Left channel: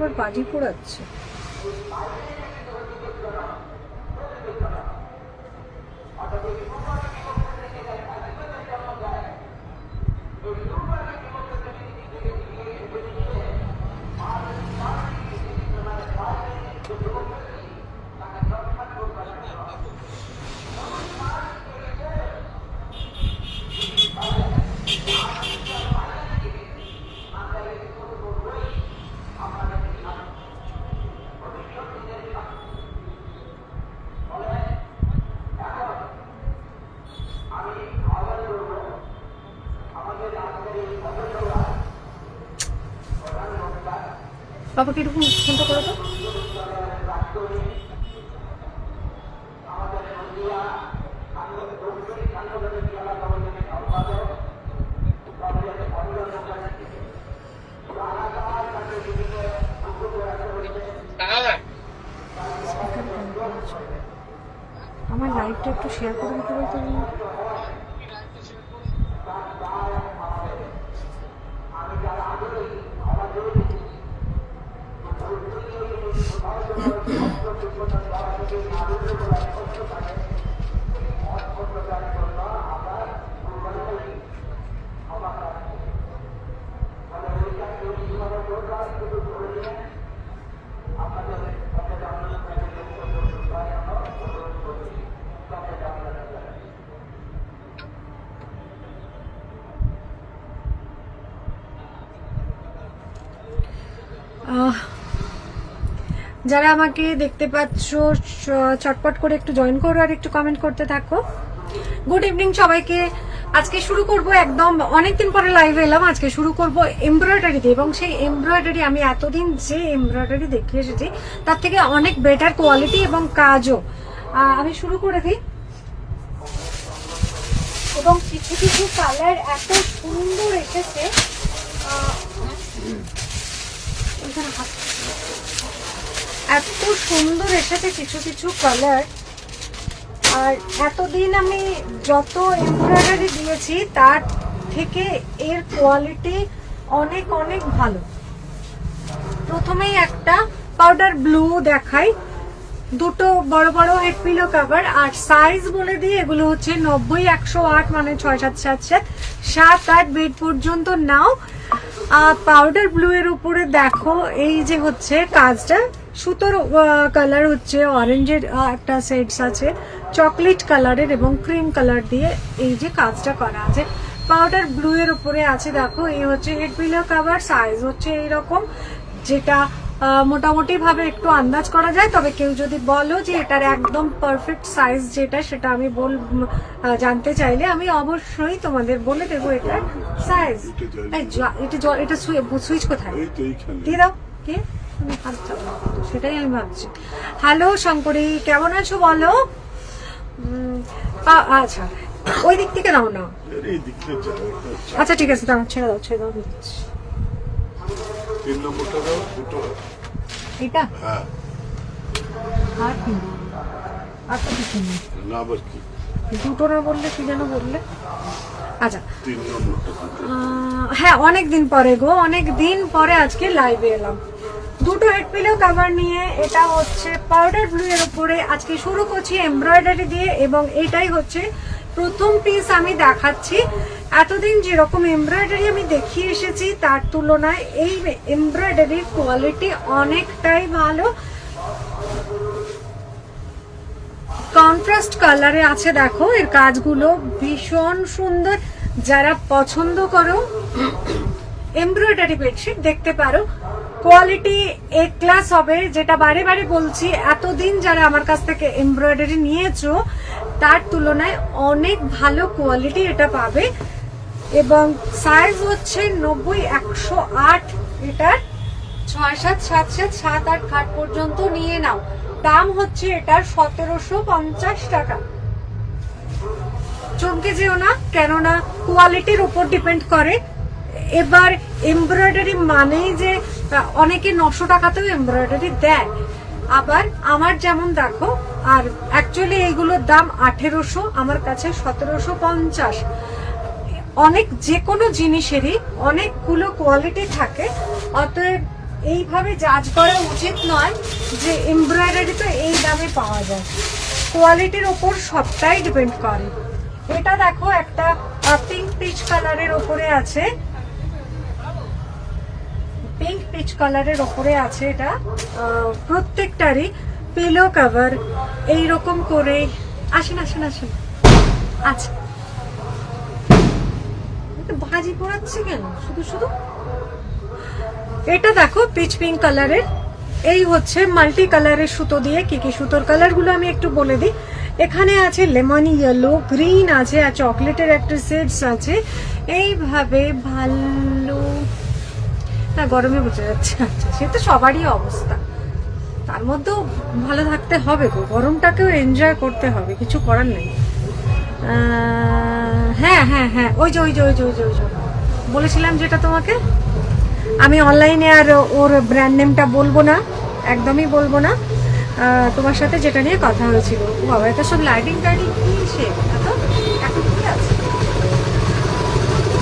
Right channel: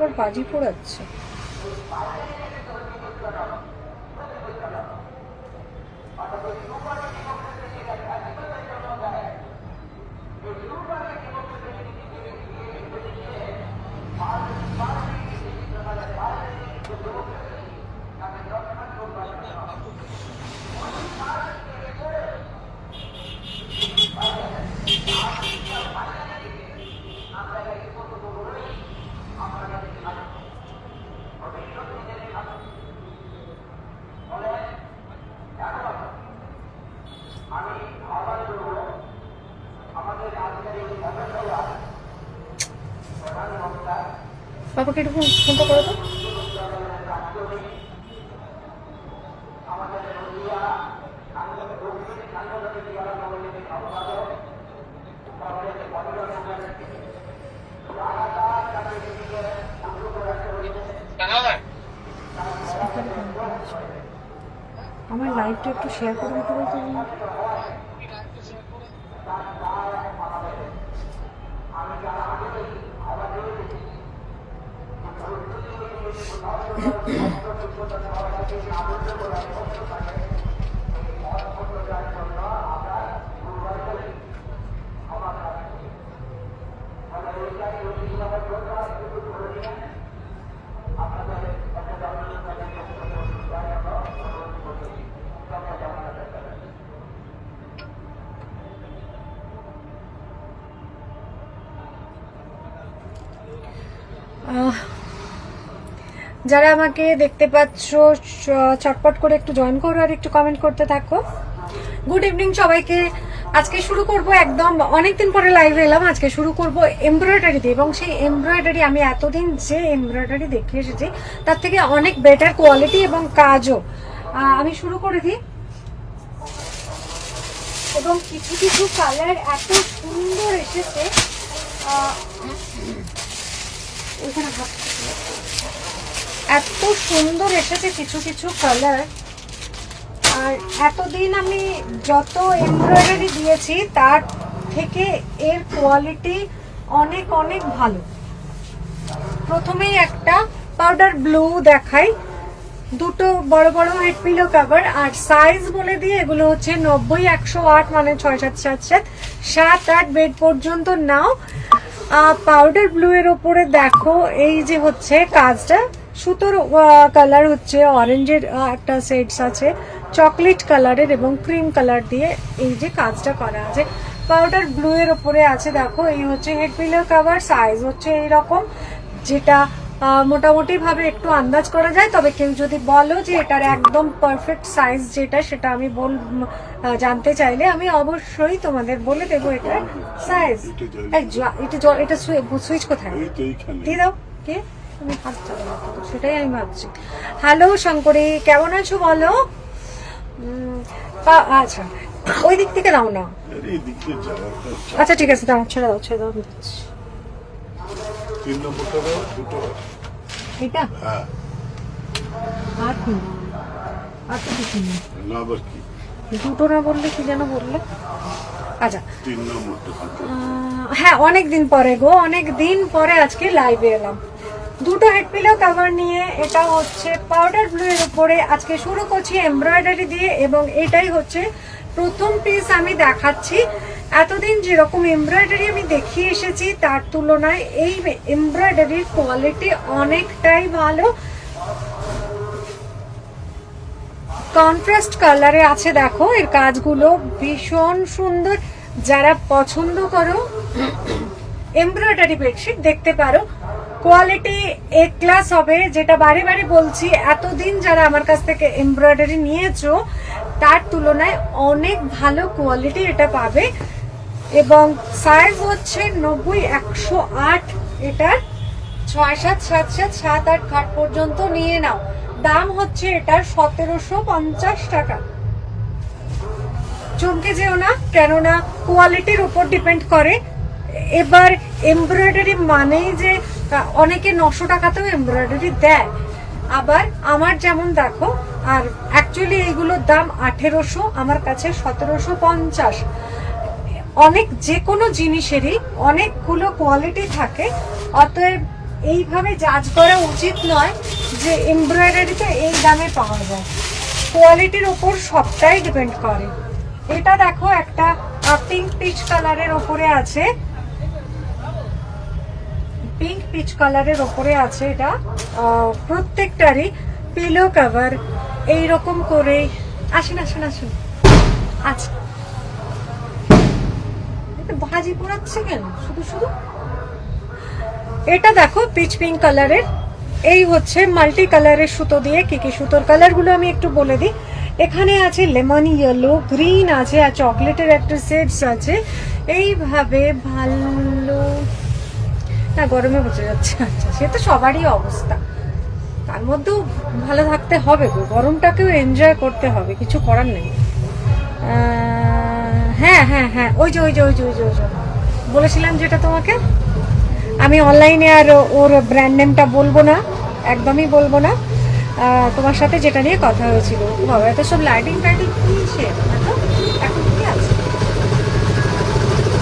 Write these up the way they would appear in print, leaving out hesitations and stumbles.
আবার বাজি পোড়াচ্ছে। বাবাকে একটু ফোনটা করে দাও। আমার লাইভটা একটু শেয়ার করে দিতে বলতে। যারা আমাকে দেখতে পাচ্ছ চটপট করে একটু জয়েন করো আর একটু কমেন্ট করতে থাকো। গুড ইভিনিং সবাইকে। আজকে শুরু করব, একদম অনেকদিন পরে লাইভে এলাম। আজকে শুরু করব এমব্রয়ডারি দিয়ে, এবং সেই এমব্রয়ডারি আমি এতদিন যে এমব্রয়ডারি দেখে এসেছি তার থেকে অনেক বেটার কোয়ালিটি এবং কাজও। আমি শুরু করে দিই। এবং কিছু কিছু কালার এত সুন্দর এসেছে, এত সুন্দর এসেছে কিছু কিছু কালার। আর এতদিন আমি যত এমব্রয়ডারি দিয়েছি তার থেকে এর কোয়ালিটি অনেক অনেক ভালো। প্রথমেই একটা পাউডার ব্লু দেখাই, দুটো বড় বড় হেড পিলো কভার। আর সাইজ বলে দিয়ে এগুলো হচ্ছে 90, 108, মানে 6, 7, 7, 7, 7, 8 বেড পর্যন্ত নাও। পাউডার ব্লু এর উপরে দেখো এই যে হচ্ছে কাজটা, সুতোর কালার হচ্ছে অরেঞ্জের, একটা সেটস আছে চকলেট কালারের এবং ক্রিম কালার দিয়ে এই যে কাজটা করা আছে। পাউডার ব্লু এর উপরে আছে দেখো, এই হচ্ছে হেড পিলো কভার। সাইজ হচ্ছে এইরকম, যেটা মোটামুটি ভাবে একটু আন্দাজ করা যায়। তবে কেউ যদি বলো যে এটার একদম পারফেক্ট সাইজ যেটা, সেটা আমি জানতে চাইলে আমি অবশ্যই তোমাদের বলে দেবো এটার সাইজ। এটা সুইচ কোথায় দিয়ে দাও, কে সেটাই আমি ভাবছি। হ্যালো শঙ্করী, কেমন আছো বলো? আচ্ছা, ওই দিক থেকে দাও না। আচ্ছা ঠিক আছে, দাও, ছেড়ে দাও, ছেড়ে দাও। এটা আর কি, আর তো কিছু নেই। দুটো না বললে কি যেন বললে? আচ্ছা, হ্যাঁ অনেকদিন পরে গো, অনেকদিন পরে আজকে লাইভে এলাম। দুটো হেড পিলো কভার নিয়ে, এটা হচ্ছে পাউডার ব্লু এর উপরে। আজকে শুরু করছি এমব্রয়ডারি দিয়ে, এবং এটাই হচ্ছে প্রথম পিস আমি দেখাচ্ছি। এতদিন যেরকম এমব্রয়ডারি আমি দেখিয়ে এসেছি তার তুলনায় এই এমব্রয়ডারির কোয়ালিটি অনেকটাই ভালো। কন্ট্রাস্ট কালারে আছে দেখো, এর কাজগুলো ভীষণ সুন্দর। যারা পছন্দ করো এমব্রয়ডারি বেডশিট দেখতে পারো, কোয়ালিটি এ ক্লাস হবে। যেটা বারে বারে বলছি, এতদিন যারা আমার কাছ থেকে এমব্রয়ডারি নিয়েছো তার তুলনায় অনেক ভালো কোয়ালিটি এটা পাবে। এবং সাইজ হচ্ছে 90, 108, এটার 6, 7, 7, 7, 7, 8 খাট পর্যন্ত নিয়ে নাও। দাম হচ্ছে এটার 1750 টাকা। চমকে যেও না, কেননা কোয়ালিটির উপর ডিপেন্ড করে। এবার এমব্রয়ডারি মানেই যে অনেকে 900 টাকাতেও এমব্রয়ডারি দেয়, আবার আমার যেমন দেখো। আর অ্যাকচুয়ালি এইগুলোর দাম 1800, আমার কাছে 1750। অনেক যে কোনো জিনিসেরই অনেকগুলো কোয়ালিটি থাকে, অতএব এইভাবে জাজ করা উচিত নয় যে এমব্রয়ডারি তো এই দামে পাওয়া যায়। কোয়ালিটির ওপর সবটাই ডিপেন্ড করে। এটা দেখো একটা পিঙ্ক পিচ কালারের ওপরে আছে, পিঙ্ক পিচ কালারের ওপরে আছে। এটা প্রত্যেকটারই পিলো কভার এইরকম করে। আসুন আসুন আসুন। আচ্ছা, ভাজি পোড়াচ্ছে কেন শুধু শুধু? এটা দেখো পিচ পিঙ্ক কালারের, এই হচ্ছে মাল্টি কালারের সুতো দিয়ে। কি কি সুতোর কালার গুলো আমি একটু বলে দিই। এখানে আছে লেমন ইয়েলো, গ্রিন আছে, আর চকলেটের একটা সেটস আছে। এইভাবে ভালো না, গরমে বোঝা যাচ্ছে। আচ্ছা, সে তো সবারই অবস্থা, তার মধ্যেও ভালো থাকতে হবে গো, গরমটাকেও এনজয় করতে হবে, কিছু করার নেই। হ্যাঁ হ্যাঁ হ্যাঁ, ওই যে ওই যে ওই যে ওই যে ওই যে বলেছিলাম যেটা তোমাকে, আমি অনলাইনে আর ওর ব্র্যান্ড নেমটা বলবো না, একদমই বলবো না। তোমার সাথে যেটা নিয়ে কথা হয়েছিল, বাবা এটা সব লাইটিং টাইটিং কিনছে এখন কি আছে।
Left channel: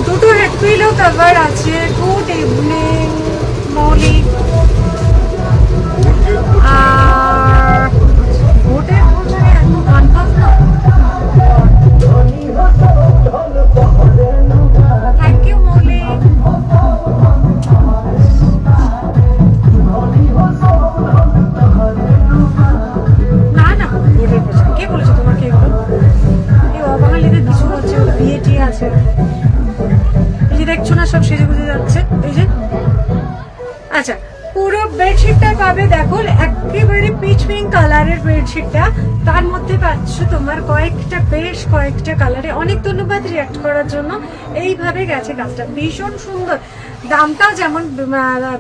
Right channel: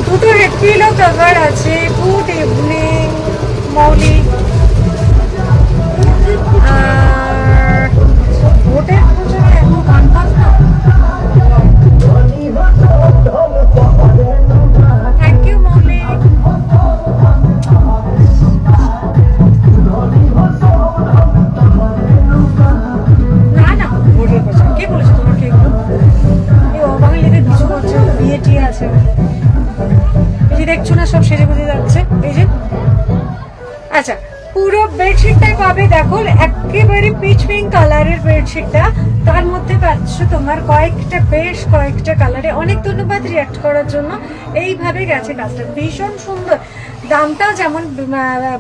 দুটো হেড পিলো কভার আছে। গুড ইভিনিং মৌলি। আর ভোটের প্রচারে এত গান বাজনা। থ্যাংক ইউ মৌলি। না না, ভোটের প্রচার কে বলেছে তোমাকে এগুলো? এই অবাঙালিদের কিছু হচ্ছে, বিয়ে টিয়ে আছে। এই যে দেখছো না, সব সেজে গুজে যাচ্ছে। এই যে আচ্ছা, পুরো বেডশিটটাই পাবে দেখো একেবারে পিচ পিঙ্ক কালারের বেডশিটটা, তার মধ্যে পাচ্ছ তোমার কয়েকটা, বেশ কয়েকটা কালারে। অনেক ধন্যবাদ রিয়াক্ট করার জন্য। এইভাবে গেছে কাজটা, ভীষণ সুন্দর। দামটাও যেমন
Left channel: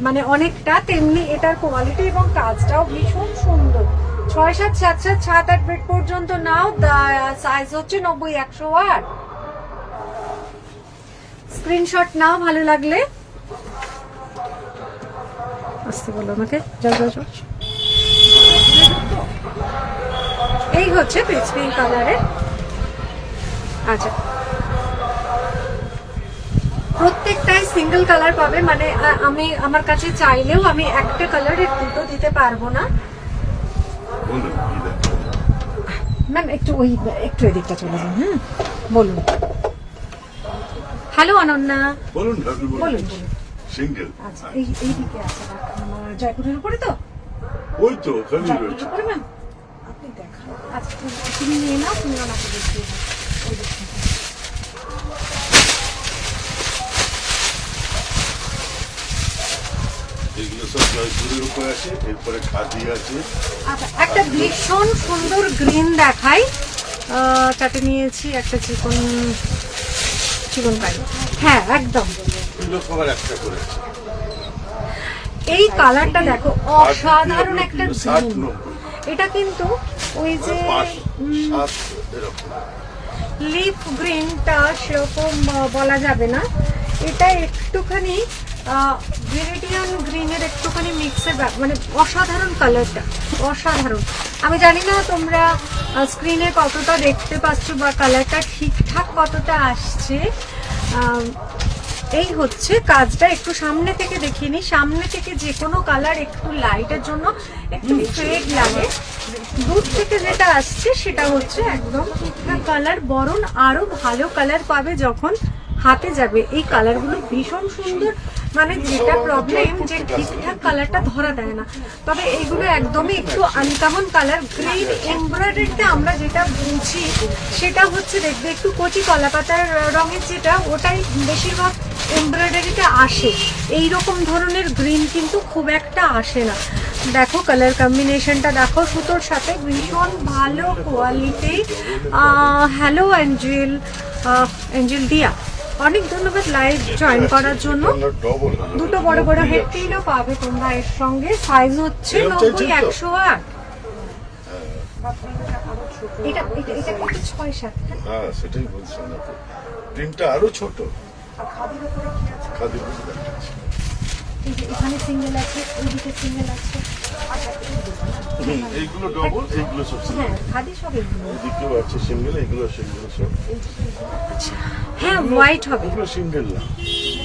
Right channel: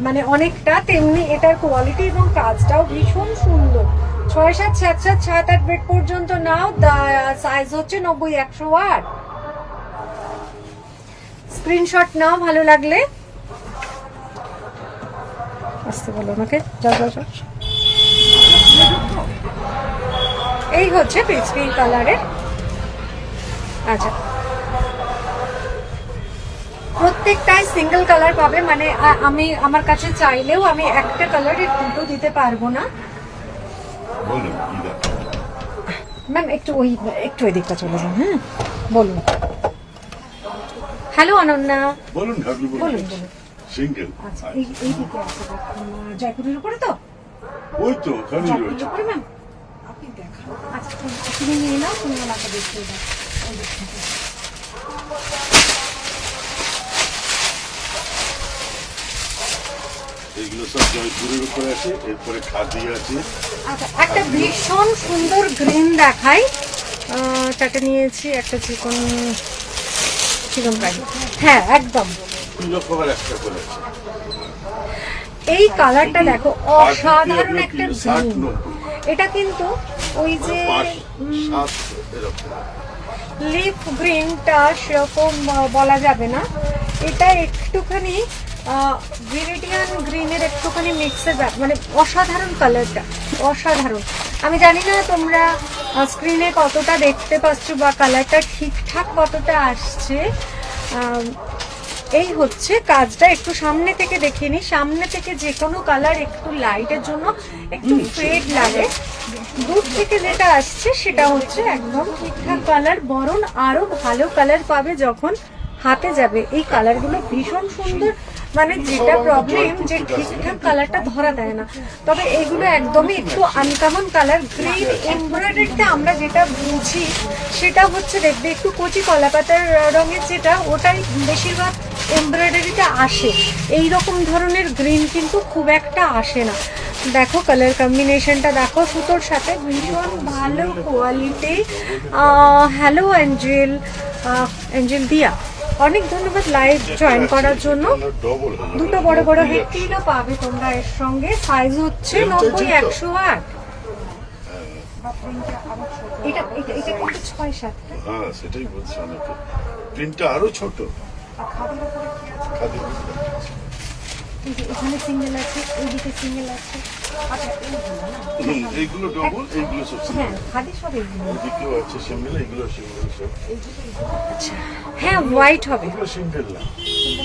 মানে অনেকটা, তেমনি এটার কোয়ালিটি এবং কাজটাও ভীষণ সুন্দর। 6, 7, 7, 7, 7, 8 বেড পর্যন্ত নাও। সাইজ হচ্ছে 90, 108। স্ক্রিনশট নাও ভালো লাগলে। আসতে বলো আমাকে। এই হচ্ছে পিচ পিঙ্ক কালারের। আচ্ছা, প্রত্যেকটাই সিঙ্গেল কালার পাবে, মানে আমি আমার কাছে চাইলেও আমি একটা কালারের দুটো দিতে পারবো না। ম্যাম একটু একটু এদিকটা চলে যান। হ্যাঁ বলুন। হ্যালো অনন্যা, বলুন বলুন বলুন। সিঙ্গেল। আচ্ছা, এই দিকে আছে জয়পুরের উপরে তো? ওই তো ওখানেই রয়েছে। উপরে ম্যাম আপনি দেখান। আচ্ছা, তুমি নিয়ে নাও, তুমি আমাকে দেখিয়ে দাও। এইগুলো সব জয়পুরের উপরে আছে, এরপরে খাদি আছে। আচ্ছা, একটা ভীষণ সুন্দর গ্রিন দেখাই। চারটে নিয়েছি, একটা চিকন কালি। হ্যাঁ একদম। এই কালারটা দেখো, অসাধারণ একটা গ্রিন। এটা কিন্তু ওই যে লিফ গ্রিনটা সেরকম বলা যাবে না, এটা একটুখানি ভিরিডিয়ান গ্রিনের একটুখানি মিক্সের, মানে অসাধারণ কালারটা, অসাধারণ। আমি জানি না তোমরা স্ক্রিনে কতটা দেখতে পাচ্ছ বা কালারটা ঠিকঠাক কতটা আসছে। এই হচ্ছে কাজটা, একটু সামনে থেকে দেখিয়ে নি। সামনে থেকে যে কোনো কালার একটু লাইটের জন্য একটু ফেড লাগে, দূর থেকে যেটা আসছে সেটা হচ্ছে একদম ঠিকঠাক কালার, বরং আরো ভালো কালার পাবে যখন হাতে যাবে। এই কালারগুলো ভীষণ সুন্দর, মানে যেটা প্রবলেম যে ঠিকঠাক কালারটা ধরা দেয় না। তবে এগুলো একদমই একটু আনকমন কালার। গ্রিন এমব্রয়ডারিতে আমরা যেটা বুঝি সেটা হচ্ছে দেখবে একটু কচি কলাপাতার রঙের, যেটা ওটাই বেশিরভাগ এমব্রয়ডারিতে আসে। এইরকম ধরনের গ্রিন কিন্তু খুব একটা আসে না। দেখো কালার কম্বিনেশনটা দেখো, সুতোর সাথে ভীষণ ভালো কোয়ালিটি। হ্যালো অ্যাঞ্জেল দিয়া, অনেক ধন্যবাদ লাইভ জয়েন করার জন্য। দুটো বড় বড় হেডপিনও পাবে তোমরা এর সঙ্গে। সাইজ হচ্ছে 90, 108। এটা এটা এটা কিন্তু 6, 7। হ্যাঁ সেটাই বলছি, অনেকে প্রিন্টটা আরো ছোট। খাদির উপরে কি আছে? এখানে সিঙ্গেল আছে, ওইদিকে সিঙ্গেল আছে। আচ্ছা এইগুলো ডবল, এইগুলো সব হ্যাঁ খাদি সব এগুলো সিঙ্গেল আছে, সিঙ্গেল, এইগুলো সিঙ্গেল সব। আচ্ছা হ্যাঁ হোয়াইট হবে এগুলো সিঙ্গেল না,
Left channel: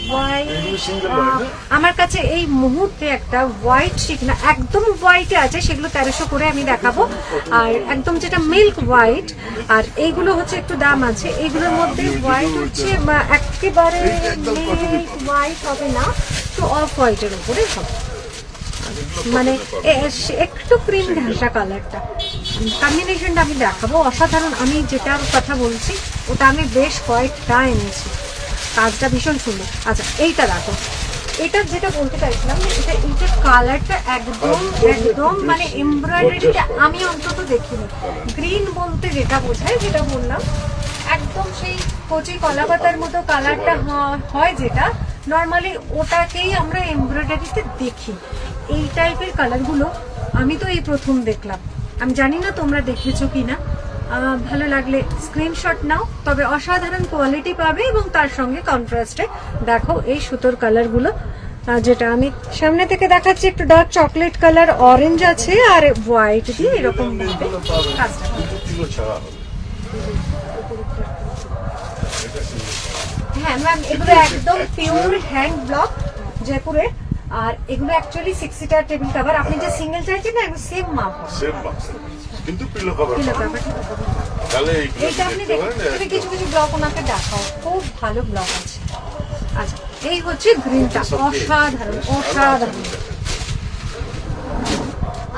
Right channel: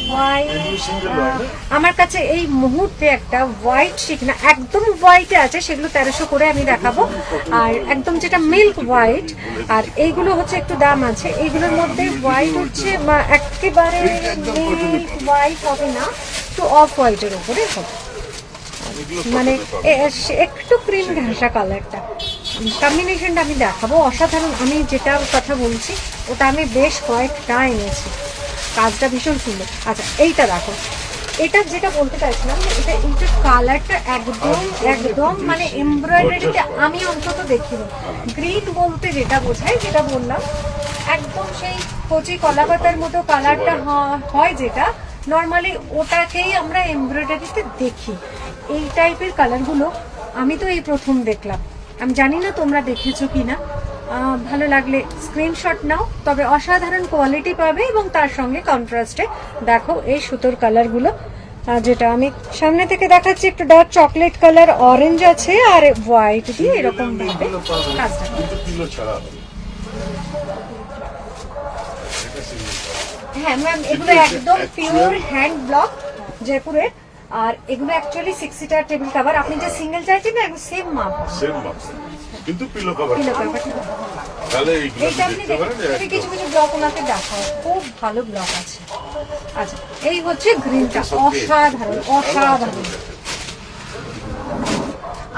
হোয়াইট এগুলো সিঙ্গেল হয় না। আমার কাছে এই মুহূর্তে একটা হোয়াইট শিখ না একদম হোয়াইটে আছে, সেগুলো 1300 করে আমি দেখাবো। আর একদম যেটা মিল্ক হোয়াইট, আর এইগুলো হচ্ছে একটু দাম আছে। এইগুলোর মধ্যে হোয়াইট হচ্ছে একেবারে মিল্ক হোয়াইট হবে না, একটু অফ হোয়াইটের উপরে হবে, মানে একটু ক্রিম ঘাসা কালারটা। কম্বিনেশনটা আমি দেখাবো অসাধারণ। আমি যেটা কথা বলছি ওটা আমি বেশ কয়েকটা এনেছি, কাজটা ভীষণ সুন্দর। আচ্ছা এইটা দেখো, এটা যেটা বলতে চাইছিলাম যে এইটা কালারটা একদম একদম মানে এমব্রয়ডারিতে আমি অন্তত দেখিনি। গ্রিন বলতে যেটা বোঝায়, যেটা বললাম একদম সেই কচি কলাপাতার মতো কালারটা হয়, যেটা নর্মালি ওটাকেই আমরা এমব্রয়ডারিতে দেখি। এই টাইপের কালারগুলো আমি তো এই প্রথম দেখলাম, আমি জানি না তোমরা দেখেছো কিনা। ভালো লাগলে স্ক্রিনশট নাও, তবে অসাধারণ কোয়ালিটি পাবে। এবং তার সঙ্গে কন্ট্রাস্টে দেখো এই সুতোর কালারগুলো, যেটা আমি সামনে থেকে দেখাচ্ছি, একটু ডার্ক চকলেট কালার, অরেঞ্জ আছে, আর হোয়াইট দিয়ে এরকম ভাবে কাজটা। কিলো ছাড়া হবে। হ্যাঁ ম্যাম, এগুলো একদম পিওর হ্যান্ড ব্লক জয়পুরের। আর এগুলো অ্যাকচুয়ালি 6 সিটার টেবিল কভার। আপনি যে সিঙ্গেল চাইছেন না, সেম মাপ, সেম মাপ, কিন্তু পিলো কভার। Pillow cover. তাহলে এইগুলো এইটা আপনি দেখুন, কিছু কিছু ব্লক ওনাকে দেখায়, খুব ভালো ব্লক আছে। আচ্ছা এই হচ্ছে গ্রিনটা, অসাধারণ অসাধারণ।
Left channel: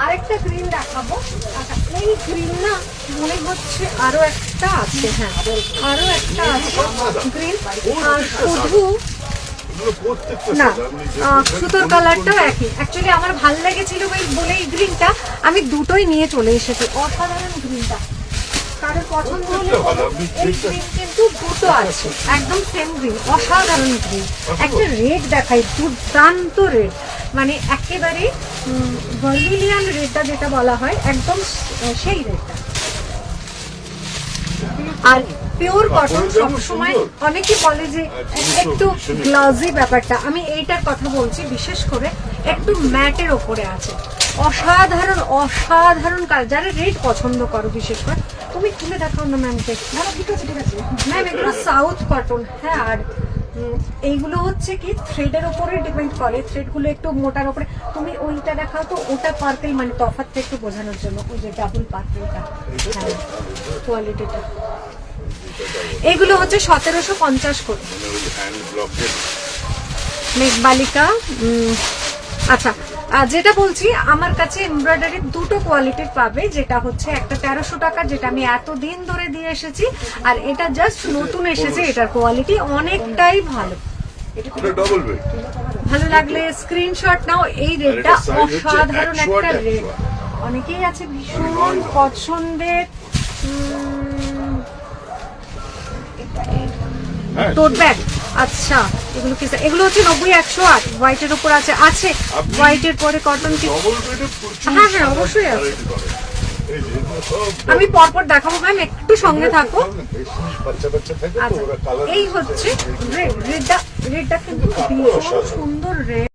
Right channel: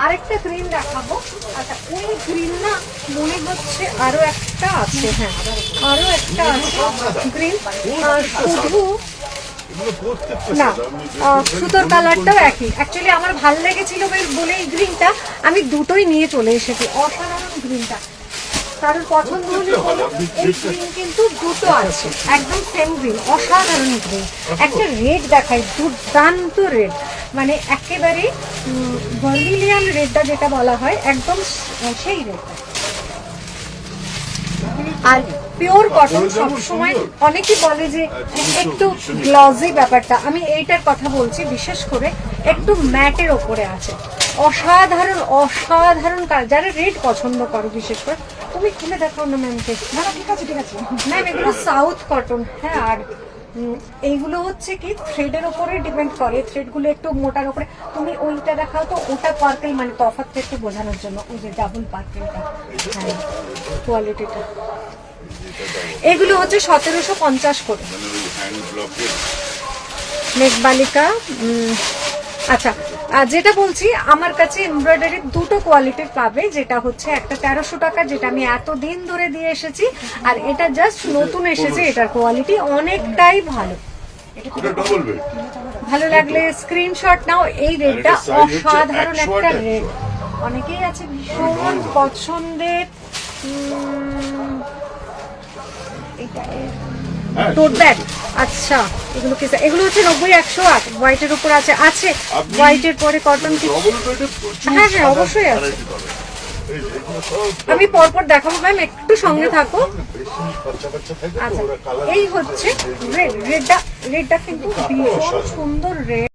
আরেকটা গ্রিন দেখাবো। আচ্ছা ওই গ্রিন না মনে হচ্ছে আরো একটা আছে, হ্যাঁ আরো একটা আছে গ্রিন, শুধু না সুতোর কালারটাও একই। অ্যাকচুয়ালি আমার ভালো লেগেছিল বলে এই গ্রিনটা আমি দুটোই নিয়ে চলে এসেছি। অসাধারণ গ্রিনটা, কারোর পছন্দ হলে এই গ্রিন কিন্তু দুটো আছে, একদম সেম গ্রিন, অসাধারণ গ্রিন। একটা রেড দেখাই, দুর্দান্ত রেড, মানে একেবারে ভার্মিলিয়ান রেডটা যেটা বলা হয়, একদম সেই রেডটা। আর পিওর কটন সবসময় অনেকেই বলে যে একটু গ্লজি ব্যাপারটা, আমি এইটার কথা বলছি। বিশেষ করে একটু ম্যাটের ওপরে আছে, অসাধারণ অসাধারণ কালার। যারা রেড পছন্দ করো বিশেষ করে, তুমি খুলে দেখো না ম্যাম। ঠিক আছে ঠিক আছে ম্যাম, এগুলো সাউথ কটন। হ্যাঁ আর এইগুলো হচ্ছে কি থ্রেডের ওপরে ডিপেন্ড করে, থ্রেডগুলো একটু মোটার ওপরে। তুমি ওইটা দেখাও তো, ওটা পার্পেল, মানে তফাৎটা একটু বোঝানোর জন্য, ওই যে ডাবল পার্পেলটা। হ্যাঁ কোয়ালিটিটা, এগুলো হচ্ছে 1750 করে মেঘবালিকা। আচ্ছা যেটা বলছি, আমার কাছে এমব্রয়ডারি দুটো কোয়ালিটির পাবে, যেটা হচ্ছে একটা 1300 টাকা, যেটা আমি এতদিন ধরে দিয়ে এসেছি, আর এটা জাস্ট নতুন এসেছে, এটার কোয়ালিটি অনেকটাই ভালো। ভালো লাগলে স্ক্রিনশট নাও। এই রেডটা অসাধারণ একটা রেড, অনেকেই আছে ভীষণ পছন্দের। টোট ব্যাগ, আচ্ছা এগুলো কি? এগুলো হচ্ছে 90, 108 হোয়াইটের উপর আছে। আছে হোয়াইটের পরে কটন কি? হ্যাঁ হ্যাঁ অবশ্যই আছে, আমি পরপর দেখাবো ম্যাম, একটু সঙ্গে থাকো। আচ্ছা এই হচ্ছে রেড, রেডটা কিন্তু ভীষণ সুন্দর রেড।